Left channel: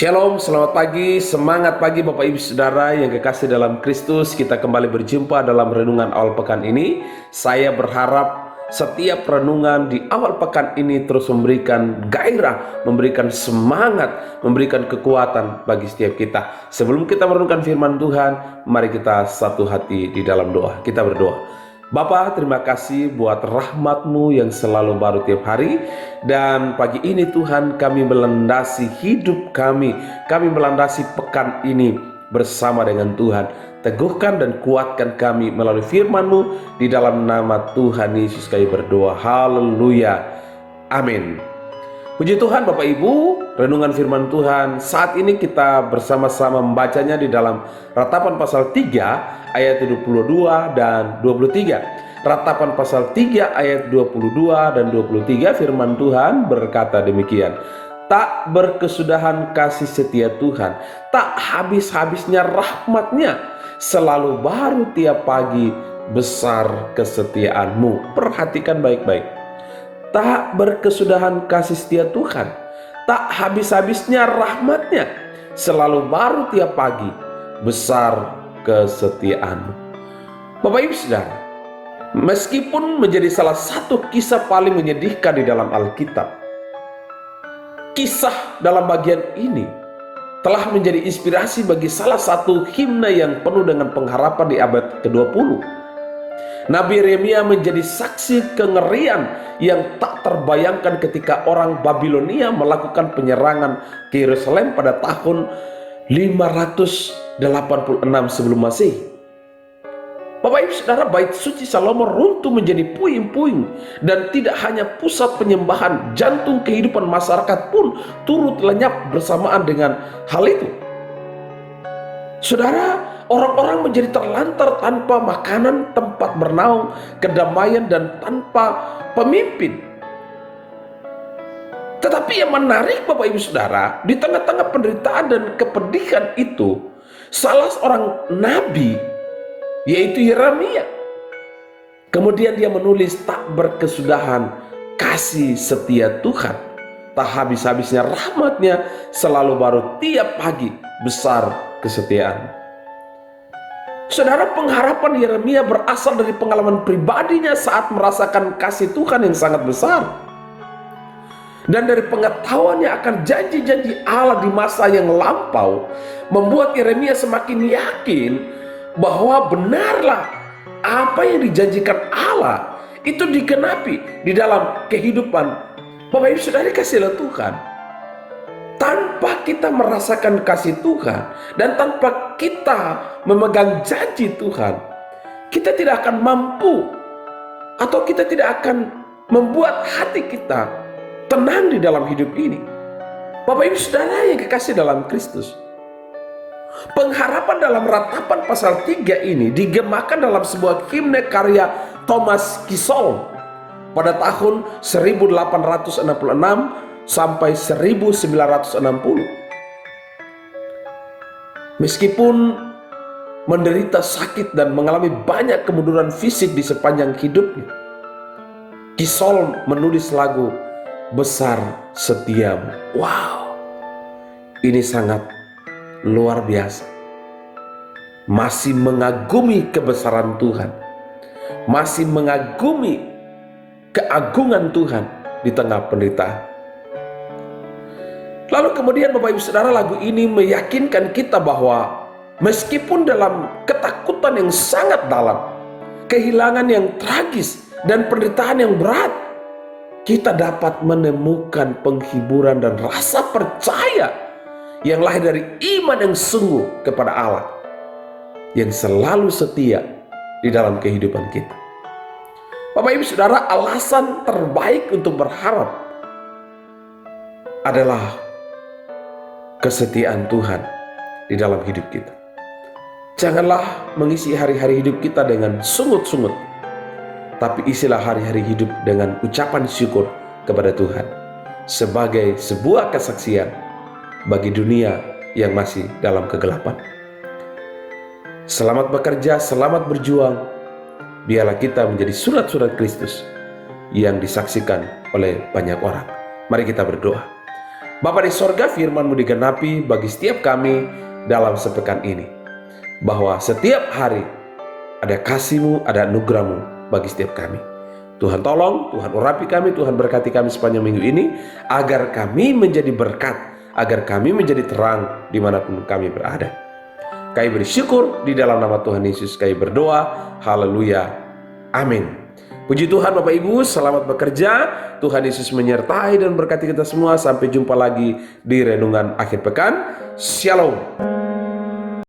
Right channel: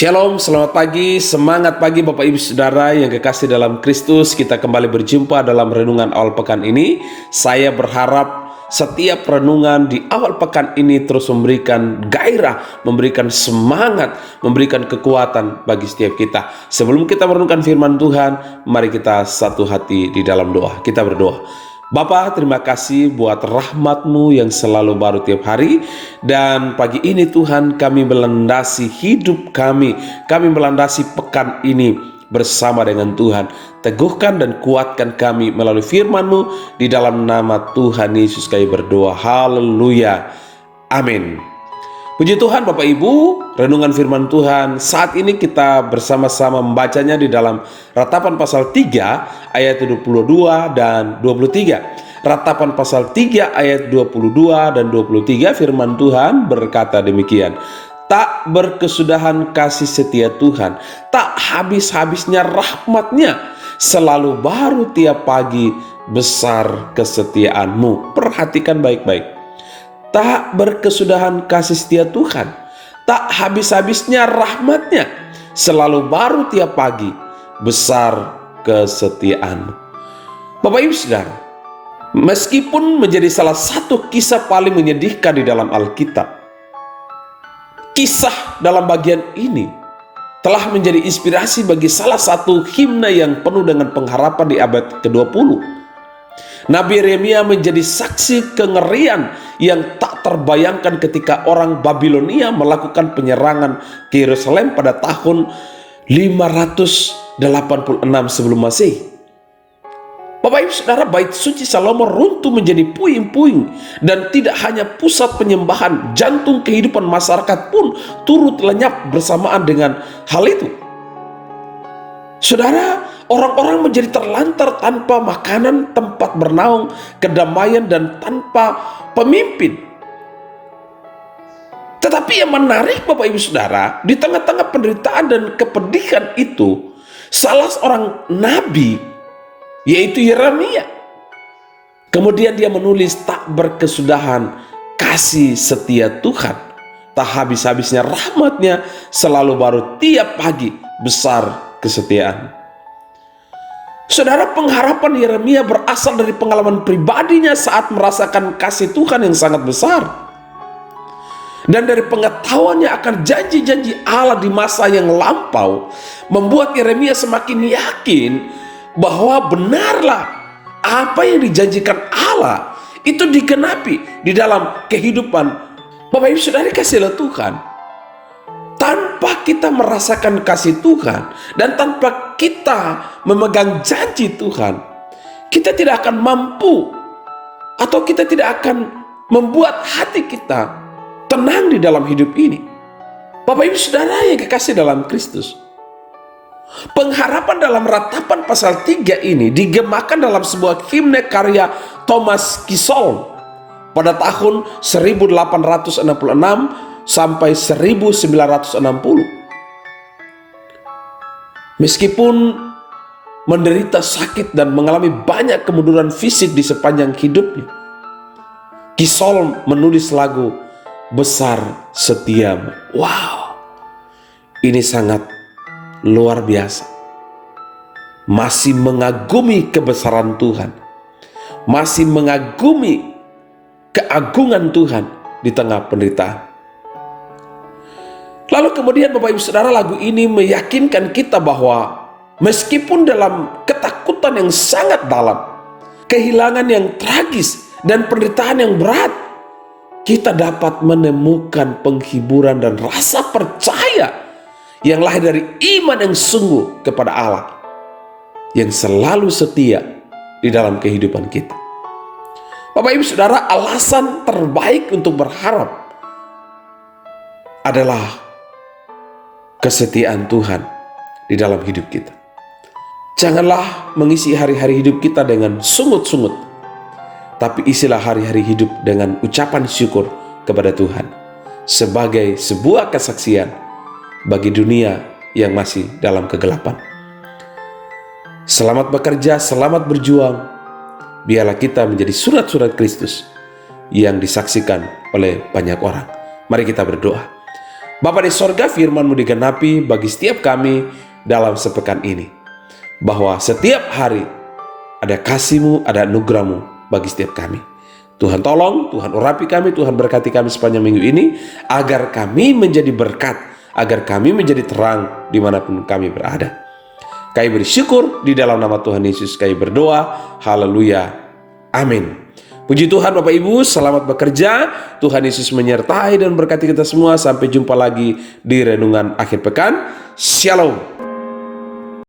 Shalom, selamat pagi, semangat pagi Bapak Ibu Saudara yang kekasih dalam Kristus. Kita kembali berjumpa dalam renungan awal pekan ini. Saya berharap setiap renungan di awal pekan ini terus memberikan gairah, memberikan semangat, memberikan kekuatan bagi setiap kita. Sebelum kita merenungkan firman Tuhan, mari kita satu hati di dalam doa. Kita berdoa. Bapa, terima kasih buat rahmat-Mu yang selalu baru tiap hari. Dan pagi ini Tuhan, kami melandasi hidup kami melandasi pekan ini bersama dengan Tuhan. Teguhkan dan kuatkan kami melalui firman-Mu. Di dalam nama Tuhan Yesus kami berdoa. Haleluya. Amin. Puji Tuhan Bapak Ibu, renungan firman Tuhan saat ini kita bersama-sama membacanya di dalam Ratapan pasal 3 ayat 22 dan 23. Ratapan pasal 3 ayat 22 dan 23 firman Tuhan berkata demikian. Tak berkesudahan kasih setia Tuhan, tak habis-habisnya rahmat-Nya, selalu baru tiap pagi besar kesetiaan-Mu. Perhatikan baik-baik. Tak berkesudahan kasih setia Tuhan, tak habis-habisnya rahmat-Nya, selalu baru tiap pagi besar kesetiaan-Mu. Bapak Ibu Saudara, meskipun menjadi salah satu kisah paling menyedihkan di dalam Alkitab, kisah dalam bagian ini telah menjadi inspirasi bagi salah satu himne yang penuh dengan pengharapan di abad ke-20. Nabi Yeremia menjadi saksi kengerian yang tak terbayangkan ketika orang Babilonia melakukan penyerangan ke Yerusalem pada tahun 586 sebelum Masehi. Bapak Ibu Saudara, bait suci Salomo runtuh menjadi puing-puing, dan tidak hanya pusat penyembahan, jantung kehidupan masyarakat pun turut lenyap bersamaan dengan hal itu. Saudara, orang-orang menjadi terlantar tanpa makanan, tempat bernaung, kedamaian, dan tanpa pemimpin. Tetapi yang menarik Bapak Ibu Saudara, di tengah-tengah penderitaan dan kepedihan itu, salah seorang nabi, yaitu Yeremia, kemudian dia menulis, tak berkesudahan kasih setia Tuhan, tak habis-habisnya rahmat-Nya, selalu baru tiap pagi besar kesetiaan. Saudara, pengharapan Yeremia berasal dari pengalaman pribadinya saat merasakan kasih Tuhan yang sangat besar, dan dari pengetahuannya akan janji-janji Allah di masa yang lampau, membuat Yeremia semakin yakin bahwa benarlah apa yang dijanjikan Allah itu digenapi di dalam kehidupan Bapak Ibu Saudara kasih Tuhan. Tanpa kita merasakan kasih Tuhan dan tanpa kita memegang janji Tuhan, kita tidak akan mampu, atau kita tidak akan membuat hati kita tenang di dalam hidup ini. Bapak Ibu Saudara yang kekasih dalam Kristus, pengharapan dalam Ratapan pasal 3 ini digemakan dalam sebuah himne karya Thomas Kissol pada tahun 1866 sampai 1960. Meskipun menderita sakit dan mengalami banyak kemunduran fisik di sepanjang hidupnya, Kissol menulis lagu Besar Setiamu. Wow, ini sangat luar biasa. Masih mengagumi kebesaran Tuhan, masih mengagumi keagungan Tuhan di tengah penderitaan. Lalu kemudian Bapak Ibu Saudara, lagu ini meyakinkan kita bahwa meskipun dalam ketakutan yang sangat dalam, kehilangan yang tragis, dan penderitaan yang berat, kita dapat menemukan penghiburan dan rasa percaya yang lahir dari iman yang sungguh kepada Allah, yang selalu setia di dalam kehidupan kita. Bapak Ibu Saudara, alasan terbaik untuk berharap adalah kesetiaan Tuhan di dalam hidup kita. Janganlah mengisi hari-hari hidup kita dengan sungut-sungut, tapi isilah hari-hari hidup dengan ucapan syukur kepada Tuhan sebagai sebuah kesaksian bagi dunia yang masih dalam kegelapan. Selamat bekerja, selamat berjuang. Biarlah kita menjadi surat-surat Kristus yang disaksikan oleh banyak orang. Mari kita berdoa. Bapa di sorga, firman-Mu digenapi bagi setiap kami dalam sepekan ini. Bahwa setiap hari ada kasih-Mu, ada anugerah-Mu bagi setiap kami. Tuhan tolong, Tuhan urapi kami, Tuhan berkati kami sepanjang minggu ini, agar kami menjadi berkat, agar kami menjadi terang dimanapun kami berada. Kami bersyukur di dalam nama Tuhan Yesus kami berdoa. Haleluya. Amin. Puji Tuhan Bapak Ibu, selamat bekerja. Tuhan Yesus menyertai dan berkati kita semua. Sampai jumpa lagi di renungan akhir pekan. Shalom.